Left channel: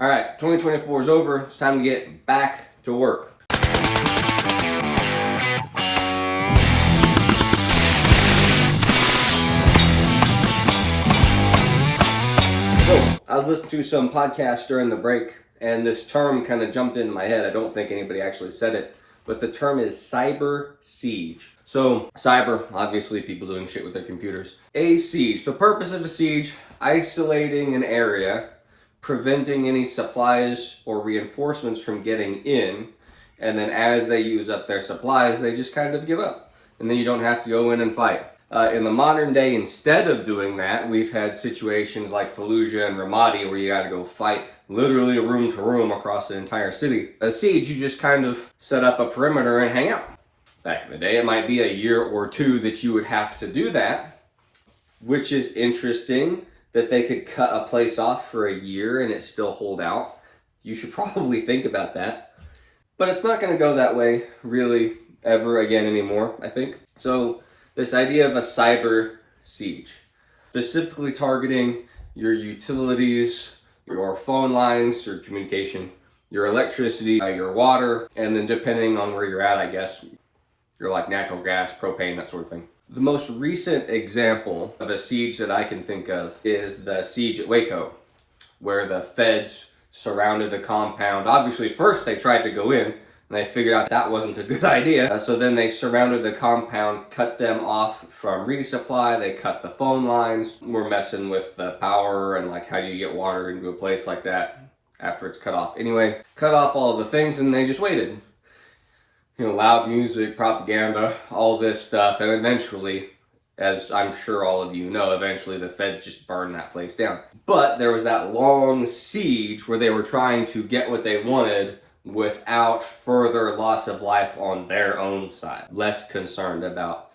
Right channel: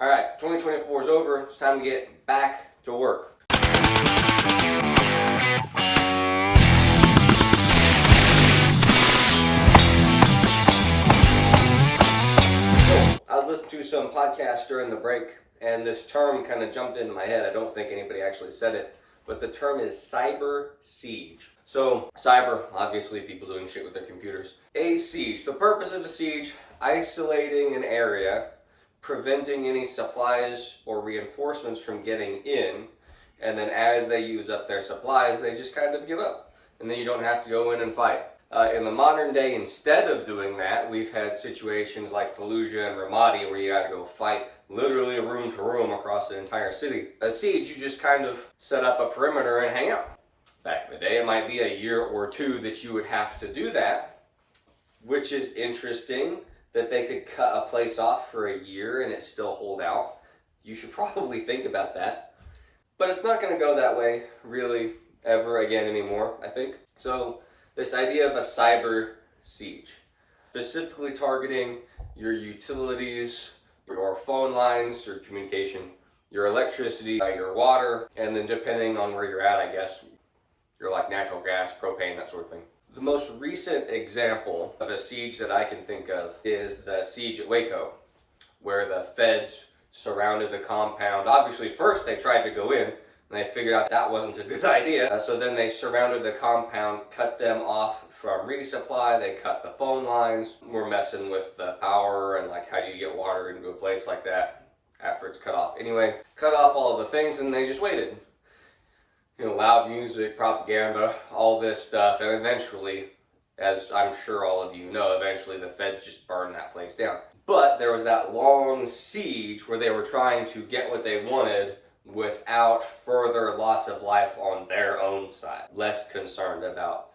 All right, 2024 is over. It's time to get back to work. So, I was listening to some podcasts during the break, and this term kind of jumped into my head. I don't think anybody actually said it, but the term is cyber siege. So, cyber, obviously people doing shit with their computers. A siege, the purpose of a siege, isolating an area, preventing any supplies or reinforcements from getting in, and then as they use up their supplies, they just kind of give up. And then you don't have to go in and fight. In the modern day, instead of doing that, we've had situations like Fallujah and Ramadi where you gotta go fight literally room to room across the entire city. A siege, you just kind of set up a perimeter and hang out. Back in the day, it might be a year or two that you would have to do that, which is interesting that they could cut a place off for a year and it still hold out. You should probably think about that. But it's not gonna go that way really ever again anymore, I think. So this idea of a cyber siege, specifically targeting your utilities, your phone lines, your communication, your electricity, your water, and then depending on where you're at, I guess, you're like natural gas, propane, that sort of thing. The most recent example of a siege that I can think of is the siege at Waco, where the feds surrounded the compound. Obviously, first they tried to go in, and they figured out that wasn't a good idea. So then they surrounded the compound, cut them off from resupply, they cut the phone lines, were messing with the power and like how do you get water into a place like that after it's cut off. Anyway, cut off all of the things and they just waited. You know, loud music, propaganda, all this stuff, and eventually, as I'm sure all of you know, eventually the feds just burned that place down. But there was that long siege where they were trying to get what they wanted without further loss of life on their own side. Less concerned about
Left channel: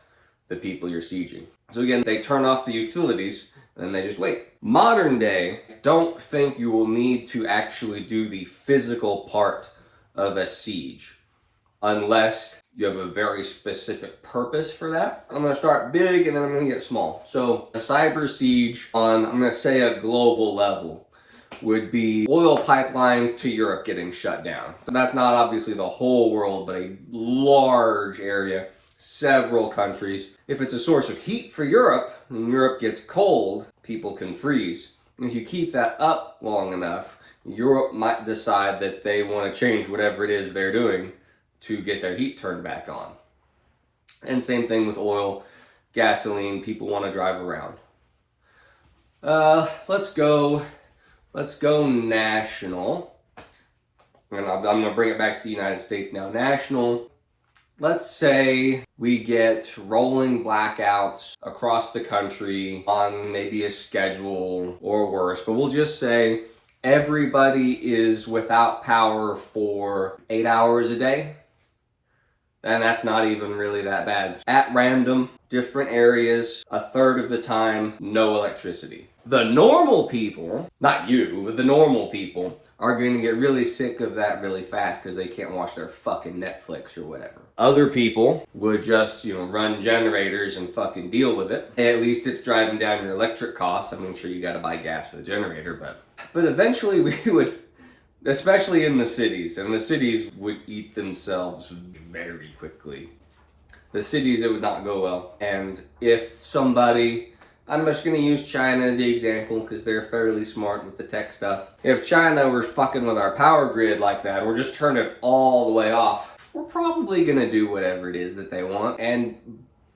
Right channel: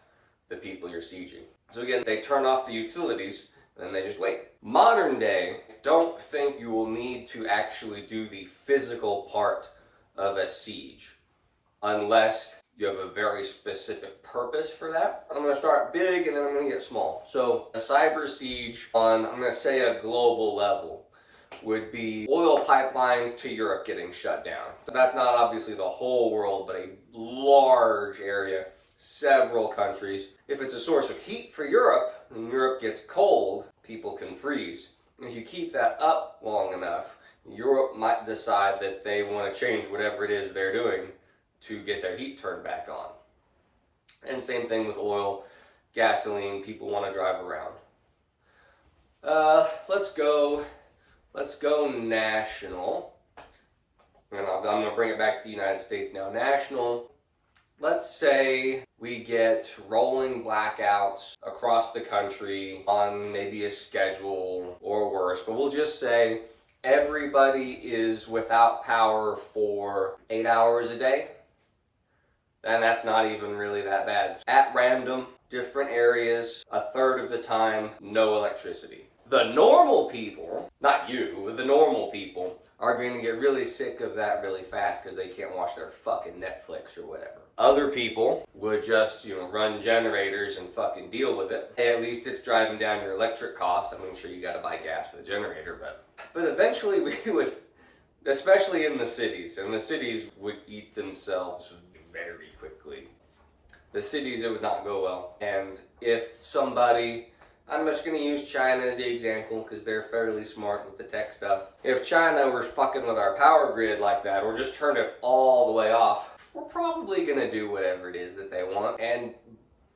the people you're sieging. So again, they turn off the utilities and then they just wait. Modern day, don't think you will need to actually do the physical part of a siege unless you have a very specific purpose for that. I'm gonna start big and then I'm gonna get small. So a cyber siege on, I'm gonna say a global level, would be oil pipelines to Europe getting shut down. So that's not obviously the whole world, but a large area, several countries. If it's a source of heat for Europe, and Europe gets cold, people can freeze. And if you keep that up long enough, Europe might decide that they wanna change whatever it is they're doing to get their heat turned back on. And same thing with oil, gasoline, people want to drive around. Let's go national. And I'm going to bring it back to the United States now. National, let's say we get rolling blackouts across the country on maybe a schedule or worse, but we'll just say everybody is without power for 8 hours a day. And that's not even really that bad. At random, different areas, a third of the time, no electricity. The normal people, not you, but the normal people are going to get really sick of that really fast because they can't watch their fucking Netflix or whatever. Other people would just, run generators and fucking deal with it. At least it's driving down your electric costs. I mean, sure, you got to buy gas for the generator, but eventually we would, especially in the cities, and the cities would eat themselves very quickly. The cities, it would not go well. And if somebody, I'm just gonna use China as the example because they're fairly smart with the tech stuff. If China were fucking with our power grid like that, or just turn it all the way off, we're probably gonna do whatever it is that they want. And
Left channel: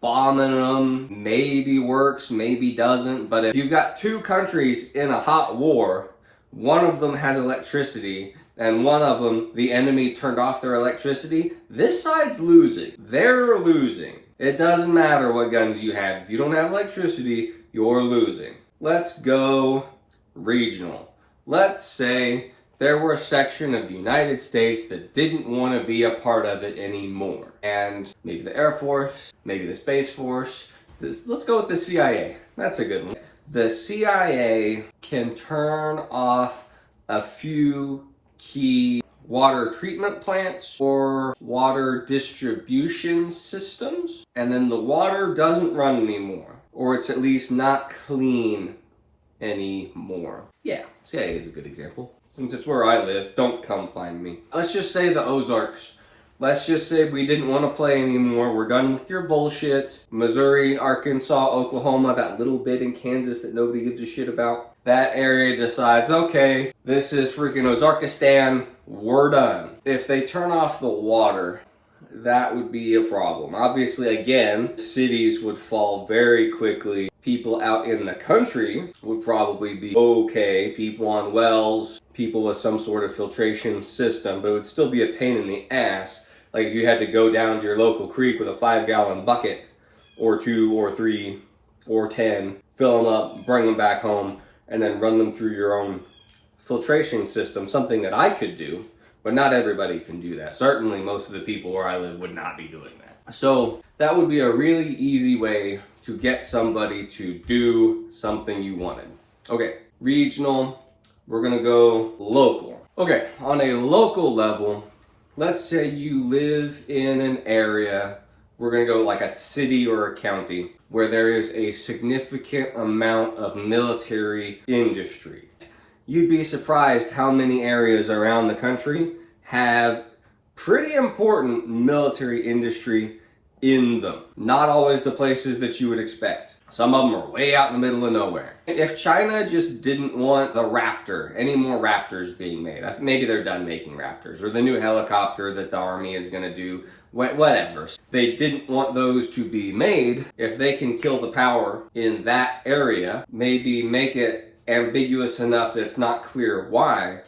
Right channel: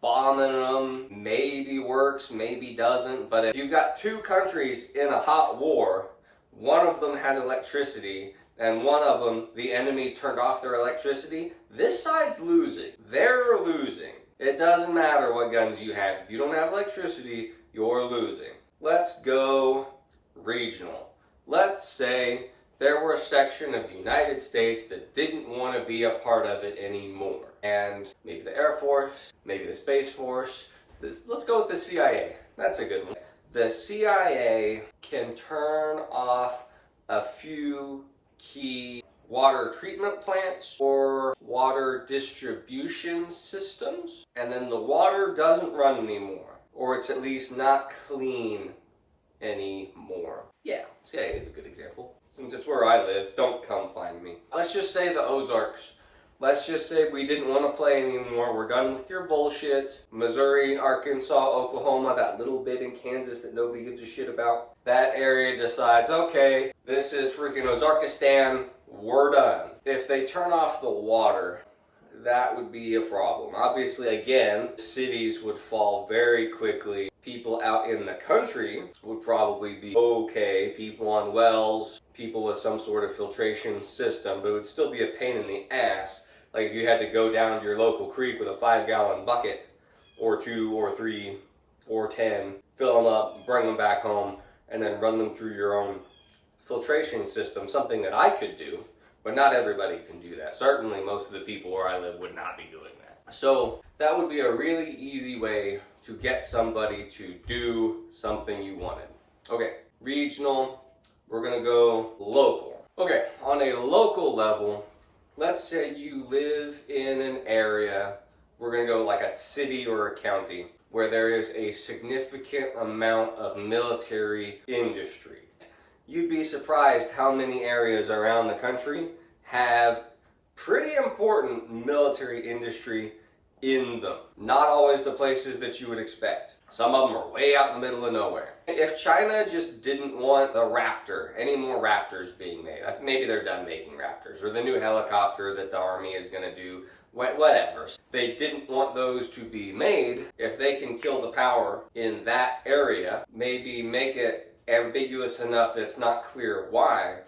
bombing them maybe works, maybe doesn't. But if you've got two countries in a hot war, one of them has electricity, and one of them, the enemy turned off their electricity, this side's losing. They're losing. It doesn't matter what guns you have. If you don't have electricity, you're losing. Let's go regional. Let's say there were a section of the United States that didn't want to be a part of it anymore. And maybe the Air Force, maybe the Space Force. Let's go with the CIA. That's a good one. The CIA can turn off a few key water treatment plants or water distribution systems, and then the water doesn't run anymore, or it's at least not clean anymore. Yeah, CIA is a good example. since it's where I live, don't come find me. Let's just say the Ozarks. Let's just say we didn't want to play anymore. We're done with your bullshit. Missouri, Arkansas, Oklahoma, that little bit in Kansas that nobody gives a shit about. That area decides, okay, this is freaking Ozarkistan. We're done. If they turn off the water, that would be a problem. Obviously, again, cities would fall very quickly. People out in the country would probably be okay. People on wells, people with some sort of filtration system, but it would still be a pain in the ass. Like if you had to go down to your local creek with a 5-gallon bucket, or 2, or 3, or 10, fill them up, bring them back home, and then run them through your own filtration system, something that I could do, but not everybody can do that. Certainly most of the people where I live would not be doing that. So that would be a really easy way to get somebody to do something you wanted. Okay, regional, we're gonna go local. Okay, on a local level, let's say you live in an area, we're gonna go like a city or a county, where there is a significant amount of military industry. You'd be surprised how many areas around the country have pretty important military industry in them. Not always the places that you would expect. Some of them are way out in the middle of nowhere. If China just didn't want the Raptor, any more Raptors being made, maybe they're done making Raptors, or the new helicopter that the army is gonna do, whatever. They didn't want those to be made. If they can kill the power in that area, maybe make it ambiguous enough that it's not clear why.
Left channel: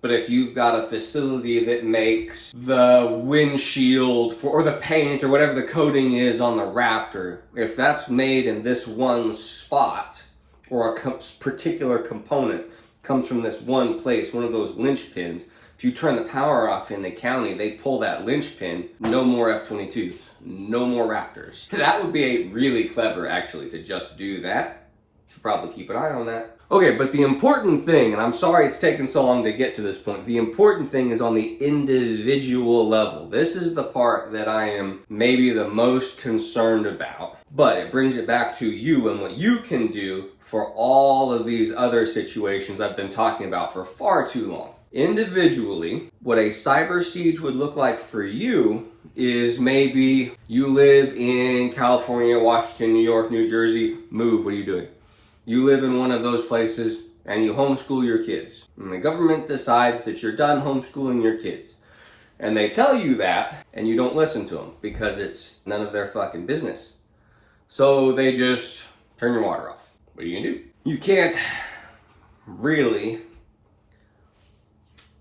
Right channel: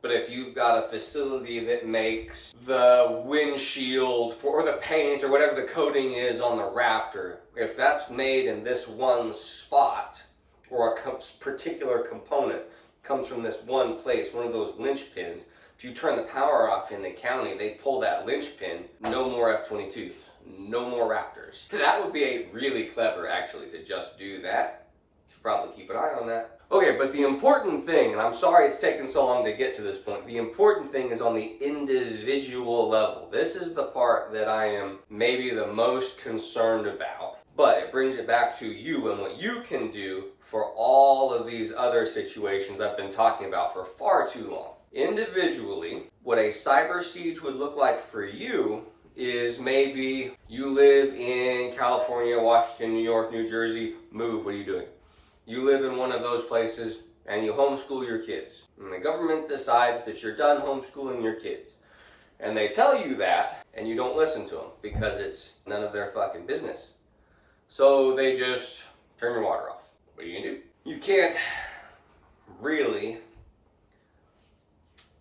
But if you've got a facility that makes the windshield or the paint or whatever the coating is on the Raptor, if that's made in this one spot, or a particular component comes from this one place, one of those linchpins, if you turn the power off in the county, they pull that linchpin, no more F-22s, no more Raptors. That would be really clever, actually, to just do that. Should probably keep an eye on that. Okay, but the important thing, and I'm sorry it's taken so long to get to this point, the important thing is on the individual level. This is the part that I am maybe the most concerned about, but it brings it back to you and what you can do for all of these other situations I've been talking about for far too long. Individually, what a cyber siege would look like for you is maybe you live in California, Washington, New York, New Jersey, move, what are you doing? You live in one of those places and you homeschool your kids. And the government decides that you're done homeschooling your kids. And they tell you that and you don't listen to them because it's none of their fucking business. So they just turn your water off. What are you gonna do? You can't really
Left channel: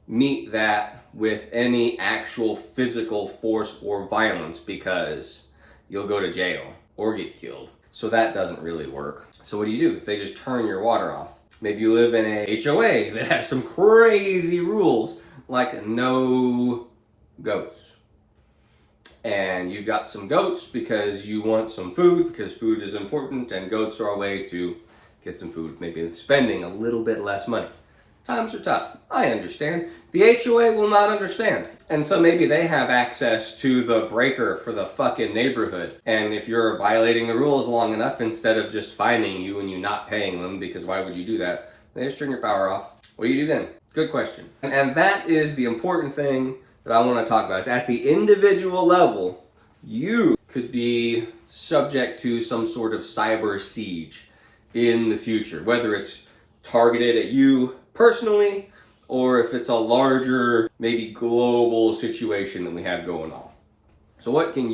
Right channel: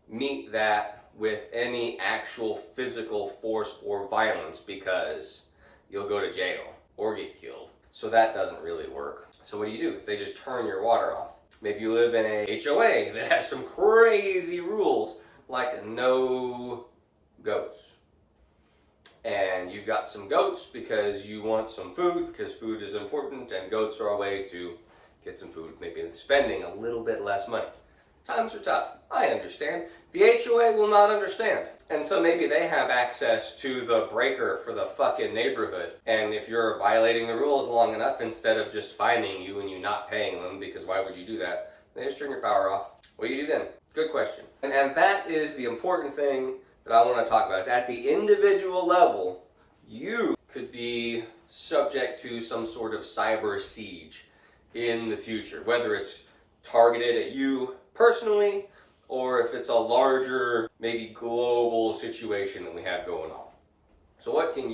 meet that with any actual physical force or violence because you'll go to jail or get killed. So that doesn't really work. So what do you do if they just turn your water off? Maybe you live in a HOA that has some crazy rules like no goats. And you've got some goats because you want some food, because food is important and goats are a way to get some food, maybe spending a little bit less money. Times are tough. I understand. The HOA will not understand. And so maybe they have access to the breaker for the fucking neighborhood. And if you're violating the rules long enough, instead of just fining you and you not paying them, because why would you do that? They just turn your power off. What do you do then? Good question. And that is the important thing that I want to talk about. Is at the individual level, you could be subject to some sort of cyber siege in the future, whether it's targeted at you personally, or if it's a larger, maybe global situation that we have going on. So what can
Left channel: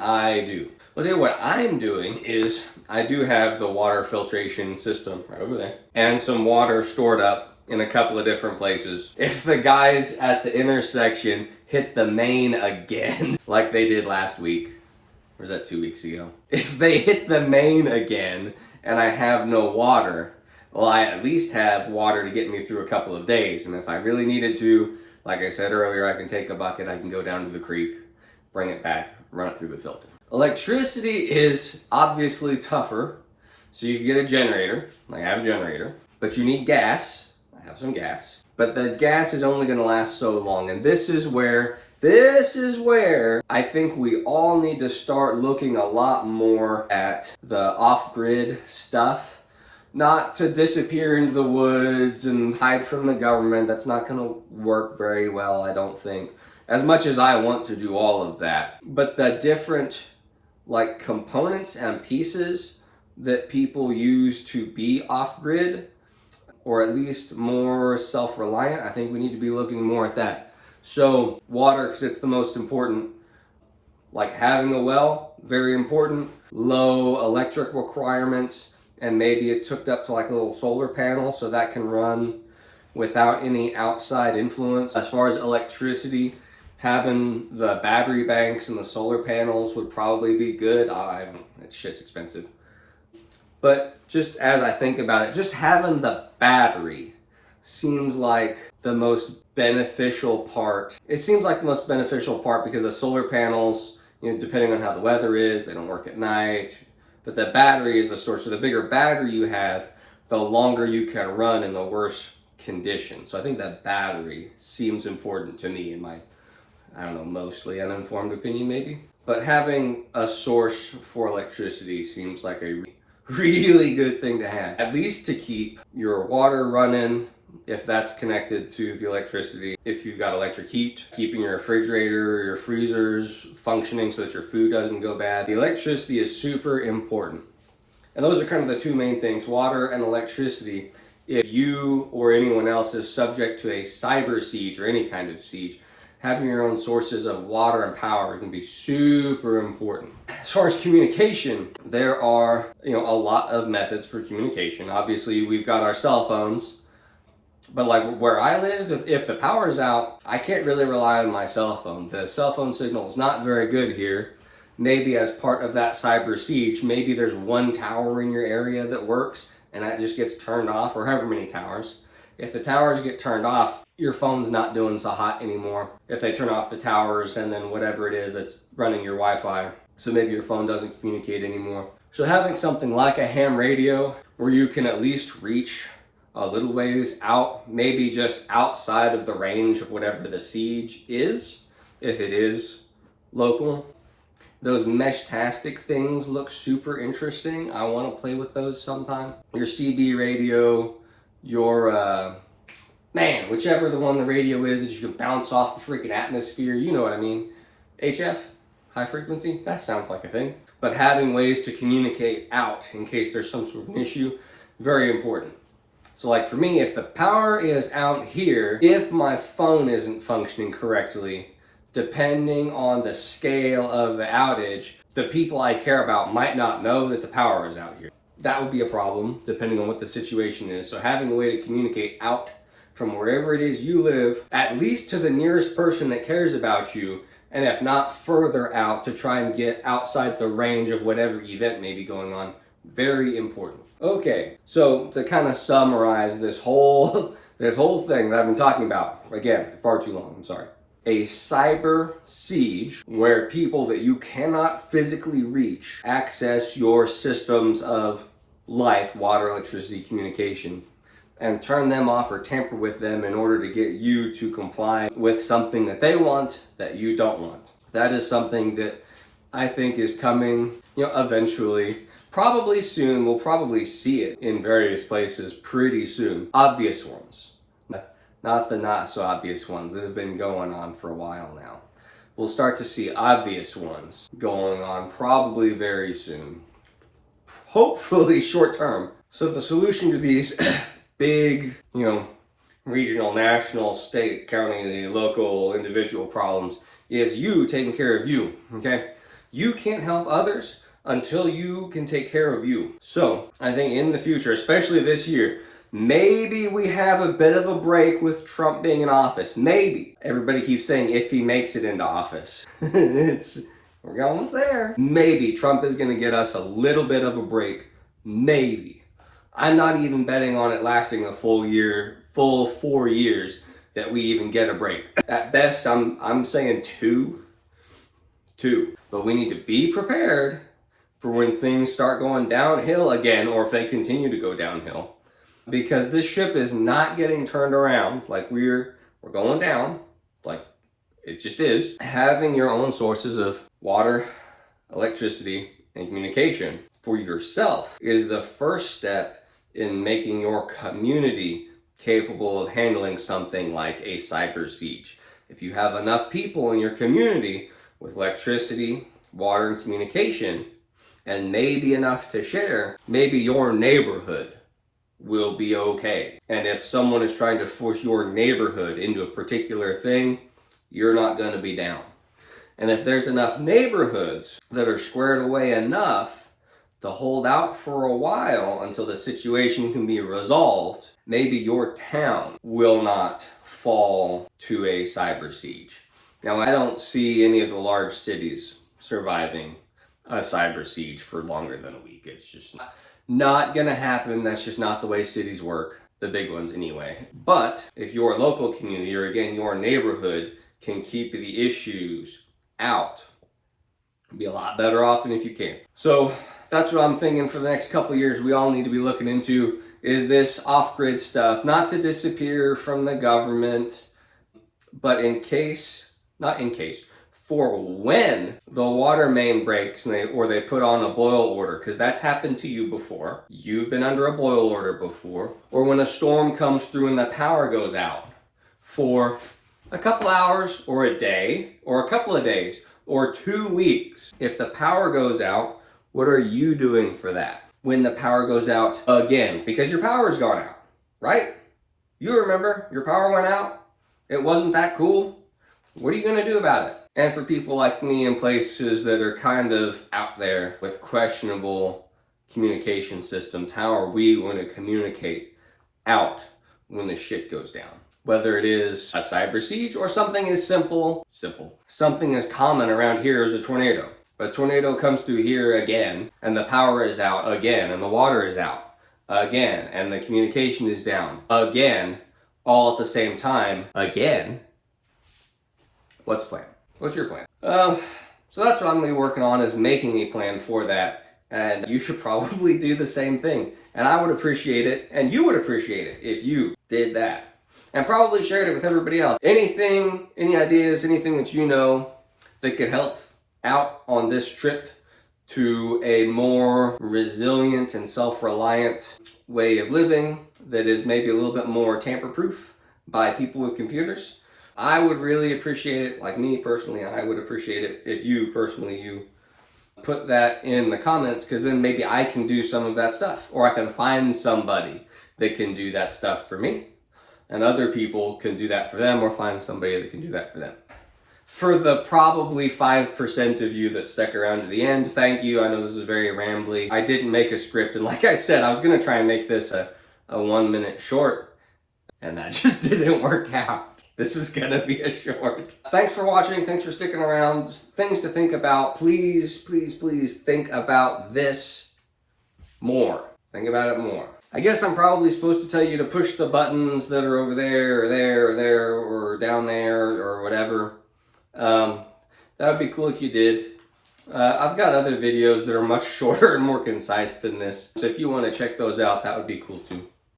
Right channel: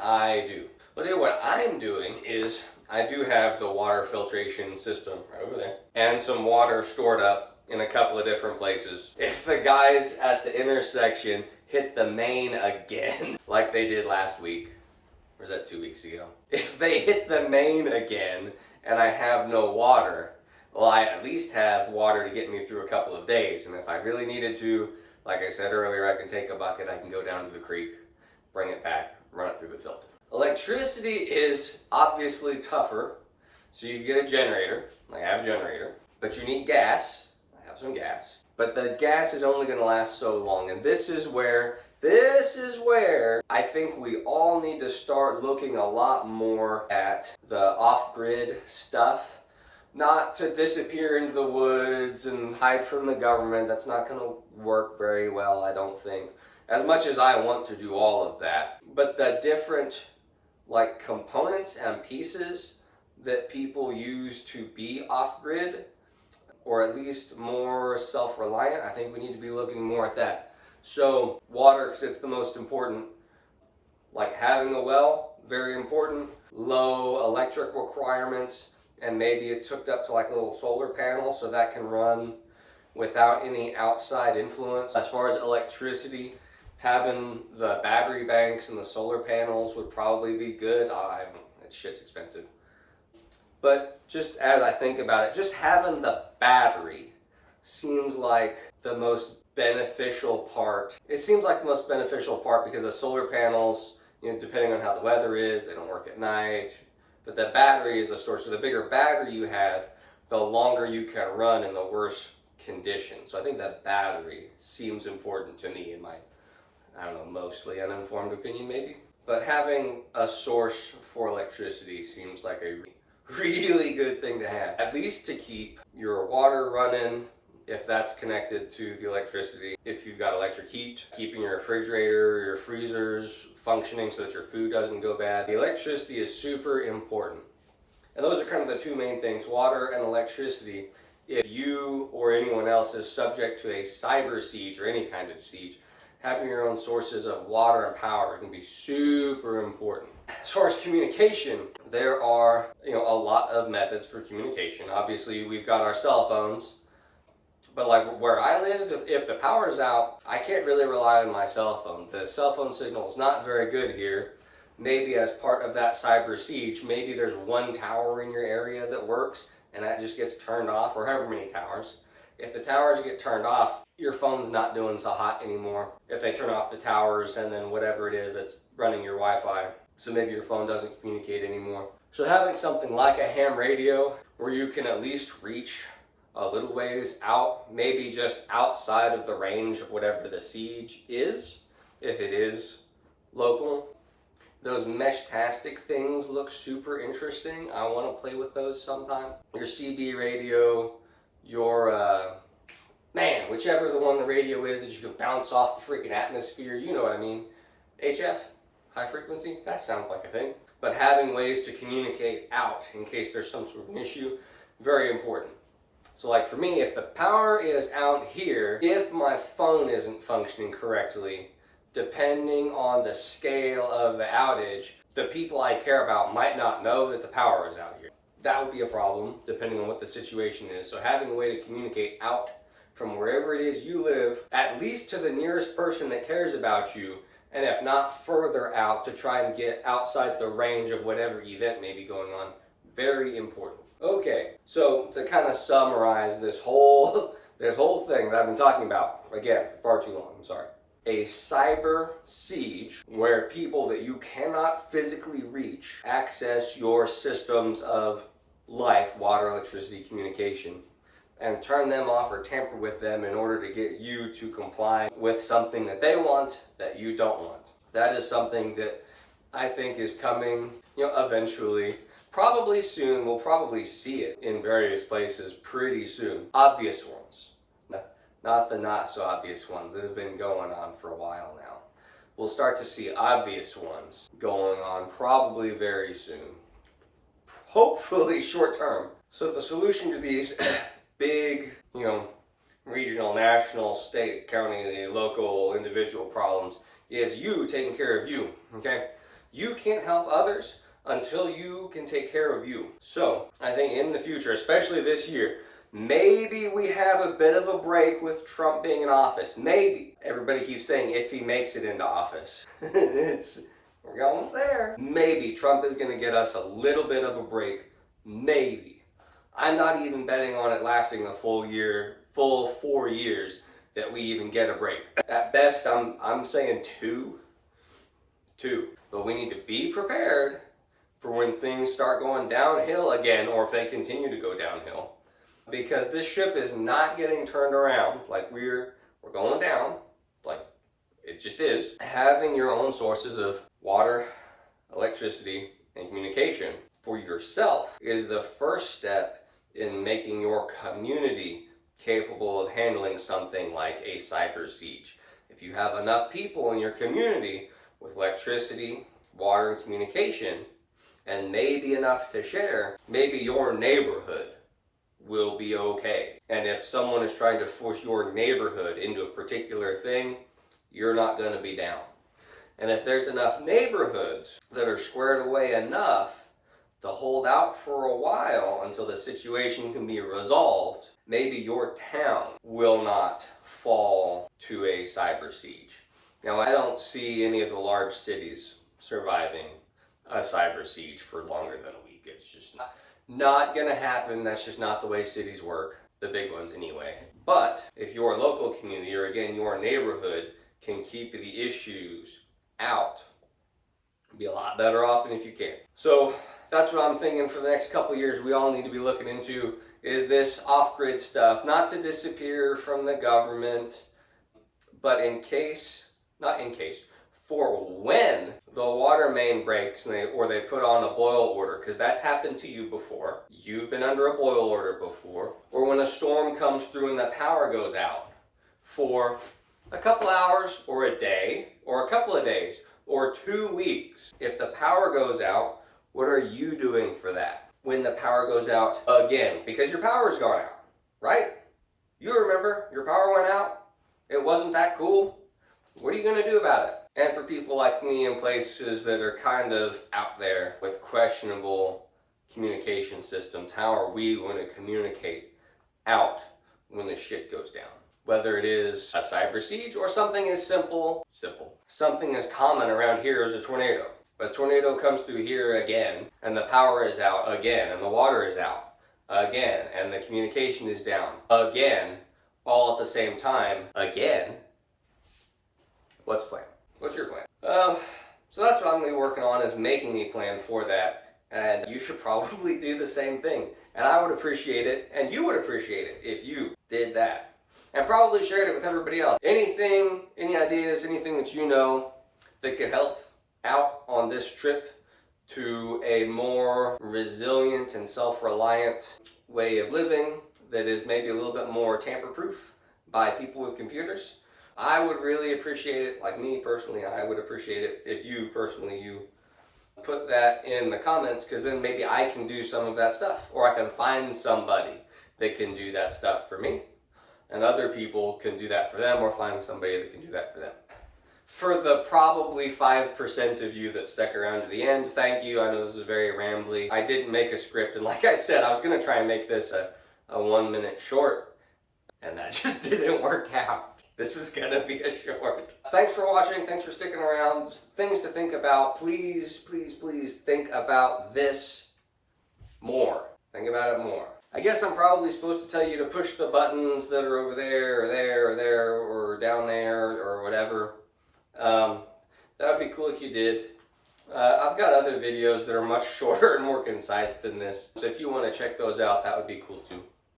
I do? I'll tell you what I'm doing is I do have the water filtration system right over there and some water stored up in a couple of different places. If the guys at the intersection hit the main again, like they did last week, or was that 2 weeks ago? If they hit the main again and I have no water, well, I at least have water to get me through a couple of days. And if I really needed to, like I said earlier, I can take a bucket, I can go down to the creek, bring it back, run it through the filter. Electricity is obviously tougher, so you can get a generator. I have a generator, but you need gas. I have some gas. But the gas is only gonna last so long. And this is where I think we all need to start looking a lot more at the off-grid stuff. not to disappear into the woods and hide from the government. That's not going to work very well, I don't think. As much as I want to do all of that. But the different like components and pieces that people use to be off-grid, or at least more self-reliant, I think we need to be looking more at that. So water, because it's the most important. Like having a well, very important. Low electric requirements, and maybe it's hooked up to like a little solar panel so that can run without any outside influence. As far as electricity, having the battery banks and the solar panels would probably be good. I don't, that shit's expensive. But just as I think about it, just having the battery seems like the most beneficial part. It seems like the most beneficial part because the solar panels, you know, depending on how the weather is, they don't work at night. But the battery is the source. So the bigger battery you have, the longer you can run in the worst conditions. So I think that battery seems important to me in my, I don't know, mostly uninformed opinion maybe. But having a source for electricity seems like a really good thing to have. At least to keep your water running, if that's connected to the electricity. If you've got electric heat, keeping your refrigerator, your freezers functioning so that your food doesn't go bad. The electricity is super important. And those are kind of the two main things, water and electricity. If you or anyone else is subject to a cyber siege or any kind of siege, having your own sources of water and power can be super important. As far as communication, there are, you know, a lot of methods for communication. Obviously, we've got our cell phones, but like where I live, if the power is out, I can't really rely on my cell phone. The cell phone signal is not very good here. Maybe as part of that cyber siege, maybe there's one tower in your area that works and that just gets turned off, or however many towers. If the towers get turned off, your phone's not doing so hot anymore. If they turn off the towers and then whatever it is that's running your Wi-Fi, so maybe your phone doesn't communicate anymore. So having something like a ham radio where you can at least reach a little ways out, maybe just outside of the range of whatever the siege is, if it is local. Those mesh-tastic things look super interesting. I want to play with those sometime. Your CB radio, your man, whichever the one the radio is that you can bounce off the freaking atmosphere, you know what I mean. HF, high frequency, that sounds like a thing. But having ways to communicate out in case there's some sort of an issue, very important. So like for me, if the power is out here, if my phone isn't functioning correctly, depending on the scale of the outage, the people I care about might not know that the power is out here. That would be a problem depending on what the situation is. So having a way to communicate out from wherever it is you live, at least to the nearest person that cares about you, and if not further out to try and get outside the range of whatever event may be going on, very important. Okay, so to kind of summarize this whole thing that I've been talking about, again, for far too long, I'm sorry. A cyber siege where people that you cannot physically reach access your systems of life, water, electricity, communication, and turn them off or tamper with them in order to get you to comply with something that they want that you don't want. That is something that I think is coming, you know, eventually. Probably soon. We'll probably see it in various places pretty soon. Obvious ones. Not the not so obvious ones that have been going on for a while now. We'll start to see obvious ones going on probably very soon. Hopefully short term. So the solution to these big, you know, regional, national, state, county, local, individual problems is you taking care of you, okay? You can't help others until you can take care of you. So I think in the future, especially this year, maybe we have a bit of a break with Trump being in office. Maybe. Everybody keeps saying if he makes it into office. We're almost there. Maybe Trump is going to get us a little bit of a break. Maybe. I'm not even betting on it lasting the full 4 years that we even get a break. At best, I'm saying two. But we need to be prepared for when things start going downhill again, or if they continue to go downhill. Because this ship is not getting turned around. Like we're going down. Like it just is. Having your own sources of water, electricity, and communication for yourself is the first step in making your community capable of handling something like a cyber siege. If you have enough people in your community with electricity, water, and communication, and maybe enough to share, maybe your neighborhood will be okay. And if someone is trying to force your neighborhood into a particular thing, you're not going to be down. And if there's enough neighborhoods that are squared away enough to hold out for a while until the situation can be resolved, maybe your town will not fall to a cyber siege. Now, I don't see any of the large cities surviving a cyber siege for longer than a week. It's just not gonna happen. That's just not the way cities work, the big ones anyway. But if your local community, or again, your neighborhood, can keep the issues out, you'll be a lot better off than if you can't. So that's what I'm thinking for the next couple of years. We all need to be looking into, is this off-grid stuff, not to disappear from the government, but for when the water main breaks and they put on a boil order, because that's happened to you before. You've been under a boil order before. Or when a storm comes through and the power goes out for a couple hours or a day or a couple of days or 2 weeks. If the power goes out, what are you doing for that? When the power goes out again, because your power's gone out, right? You remember your power went out. It wasn't that cool. What are you going to do about it? And for people like me in places that are kind of out there with questionable communication systems, how are we going to communicate out when the shit goes down? Whether it is a cyber siege or something as simple. Something as common around here as a tornado. A tornado comes through here again, and the power is out again, and the water is out again, and the communication is down again, all at the same time again. What's the plan? What's your plan? So that's what I'm going to be working on, is making a plan for that. And you should probably do the same thing. And I would appreciate it, and you would appreciate it if you did that. And probably shared it with everybody else. Anything, any ideas, anything that you know that could help out on this trip to a more resilient and self-reliant way of living that is maybe a little bit more tamper-proof by people with computers, I would really appreciate it. Like me personally, I would appreciate it if you put that in the comments, because then maybe I can do some of that stuff, or I can find somebody that can do that stuff for me, and other people can do that for them, or find somebody that can do that for them. For the probably 5% of you that stuck around to the end, thank you. I know this is very rambly. I didn't make a script, and like I said, I was going to try and make this a 1-minute short, and that just didn't work out. This was gonna be a short. Thanks for watching. Thanks for sticking around. Things to think about. Please, please, please think about this more. Think about it more. I guess I'm probably supposed to tell you to push the buttons that are over there, or there, or there, or down there, or whatever. That would be cool if you did. I've got other videos that are much shorter and more concise than this. So if you want to check those out, that would be cool too.